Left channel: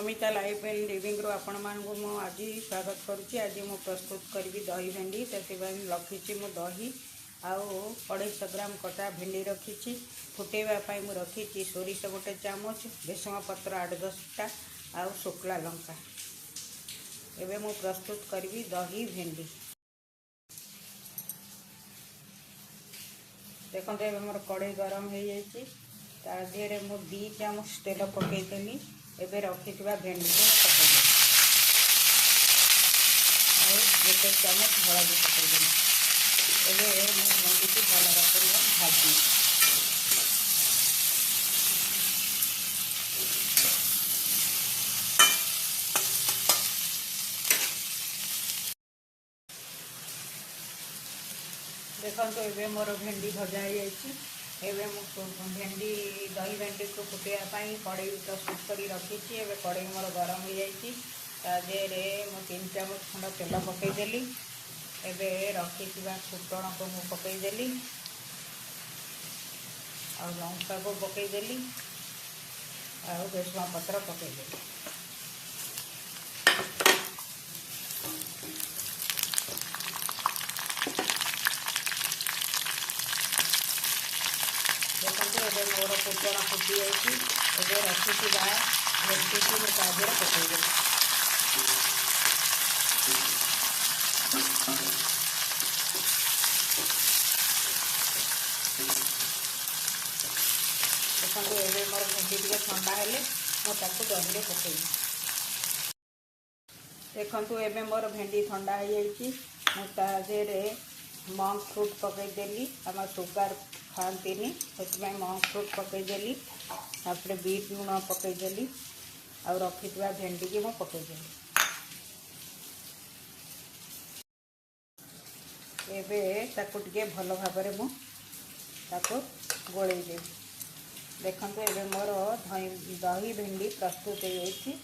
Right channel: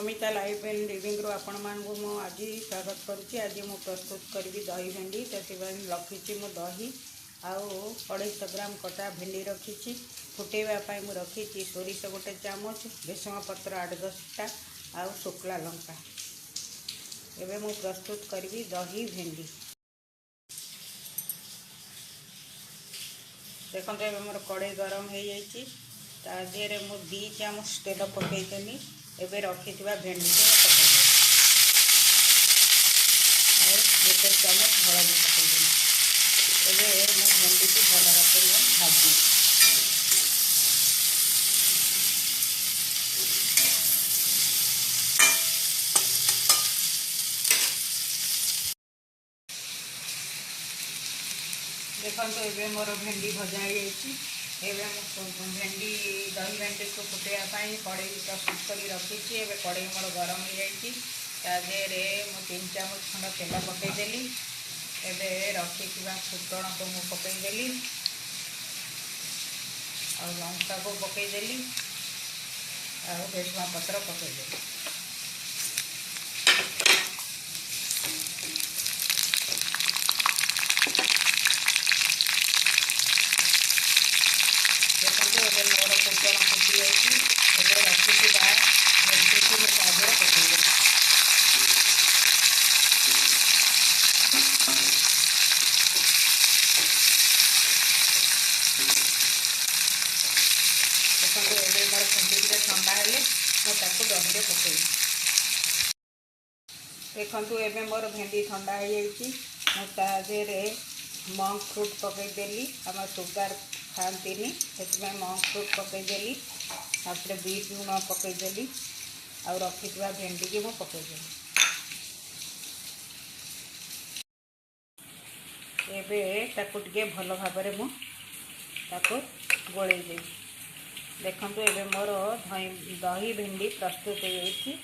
Amita life and living रो आपण मानू मु आज स्वागत करुच्ची। आज मु प्रस्तुत करी दही भेंडी। से रखी मु दही आउ 250 ग्राम कटा भेंडी रखी। फुटेवाई मु रखी सोरिष गोटे चामच, भेसुंगा पत्र 8-10टा आउ शुक्ला लंका। एबे मु प्रस्तुत करी दही भेंडी। देखो मोर कड़े गरम हो जाइए। तादेह मु 2 चामच तेल पकईदेली। एबे रखी भेंडी को पकईदेली और 1 चामच हलदी पकईदेली। एबे मु भेंडी की भल भाव भाजी। देखो ये मोर भेंडी भजा हो जाइए। भेंडी दही भेंडी को फुटाई कड़े प्रस्तुत कर रखी। एवं कड़े मोर गरम हो जाइए। तादेह मु 3 चामच खंड तेल पकईदेली। एवं रखी फुटण को मु पकईदेली और लंका को पकईदेली और भेसुंगा पत्र पकईदेली। देखो ये मोर फुटण फुटी जाइए। रखी भेंडी को तादेह पकईदेली। देखो ये मोर भेंडी टे ठंडा हेले मुझे दही पकई। देखो ये मोर भेंडी ठंडा हो जाइए। मुझे मंक फ्रूट पकईदेली। आम सुगार खाती से मंक फ्रूट पकईदेली। तापर बीट लुण पकईदेली और रखी भेंडी की मुझे पकईदेली। एबे ताकू टिके भल भाव मुझे गोलई देवी। देखो ये मोर दही भेंडी प्रस्तुत हो जाइए।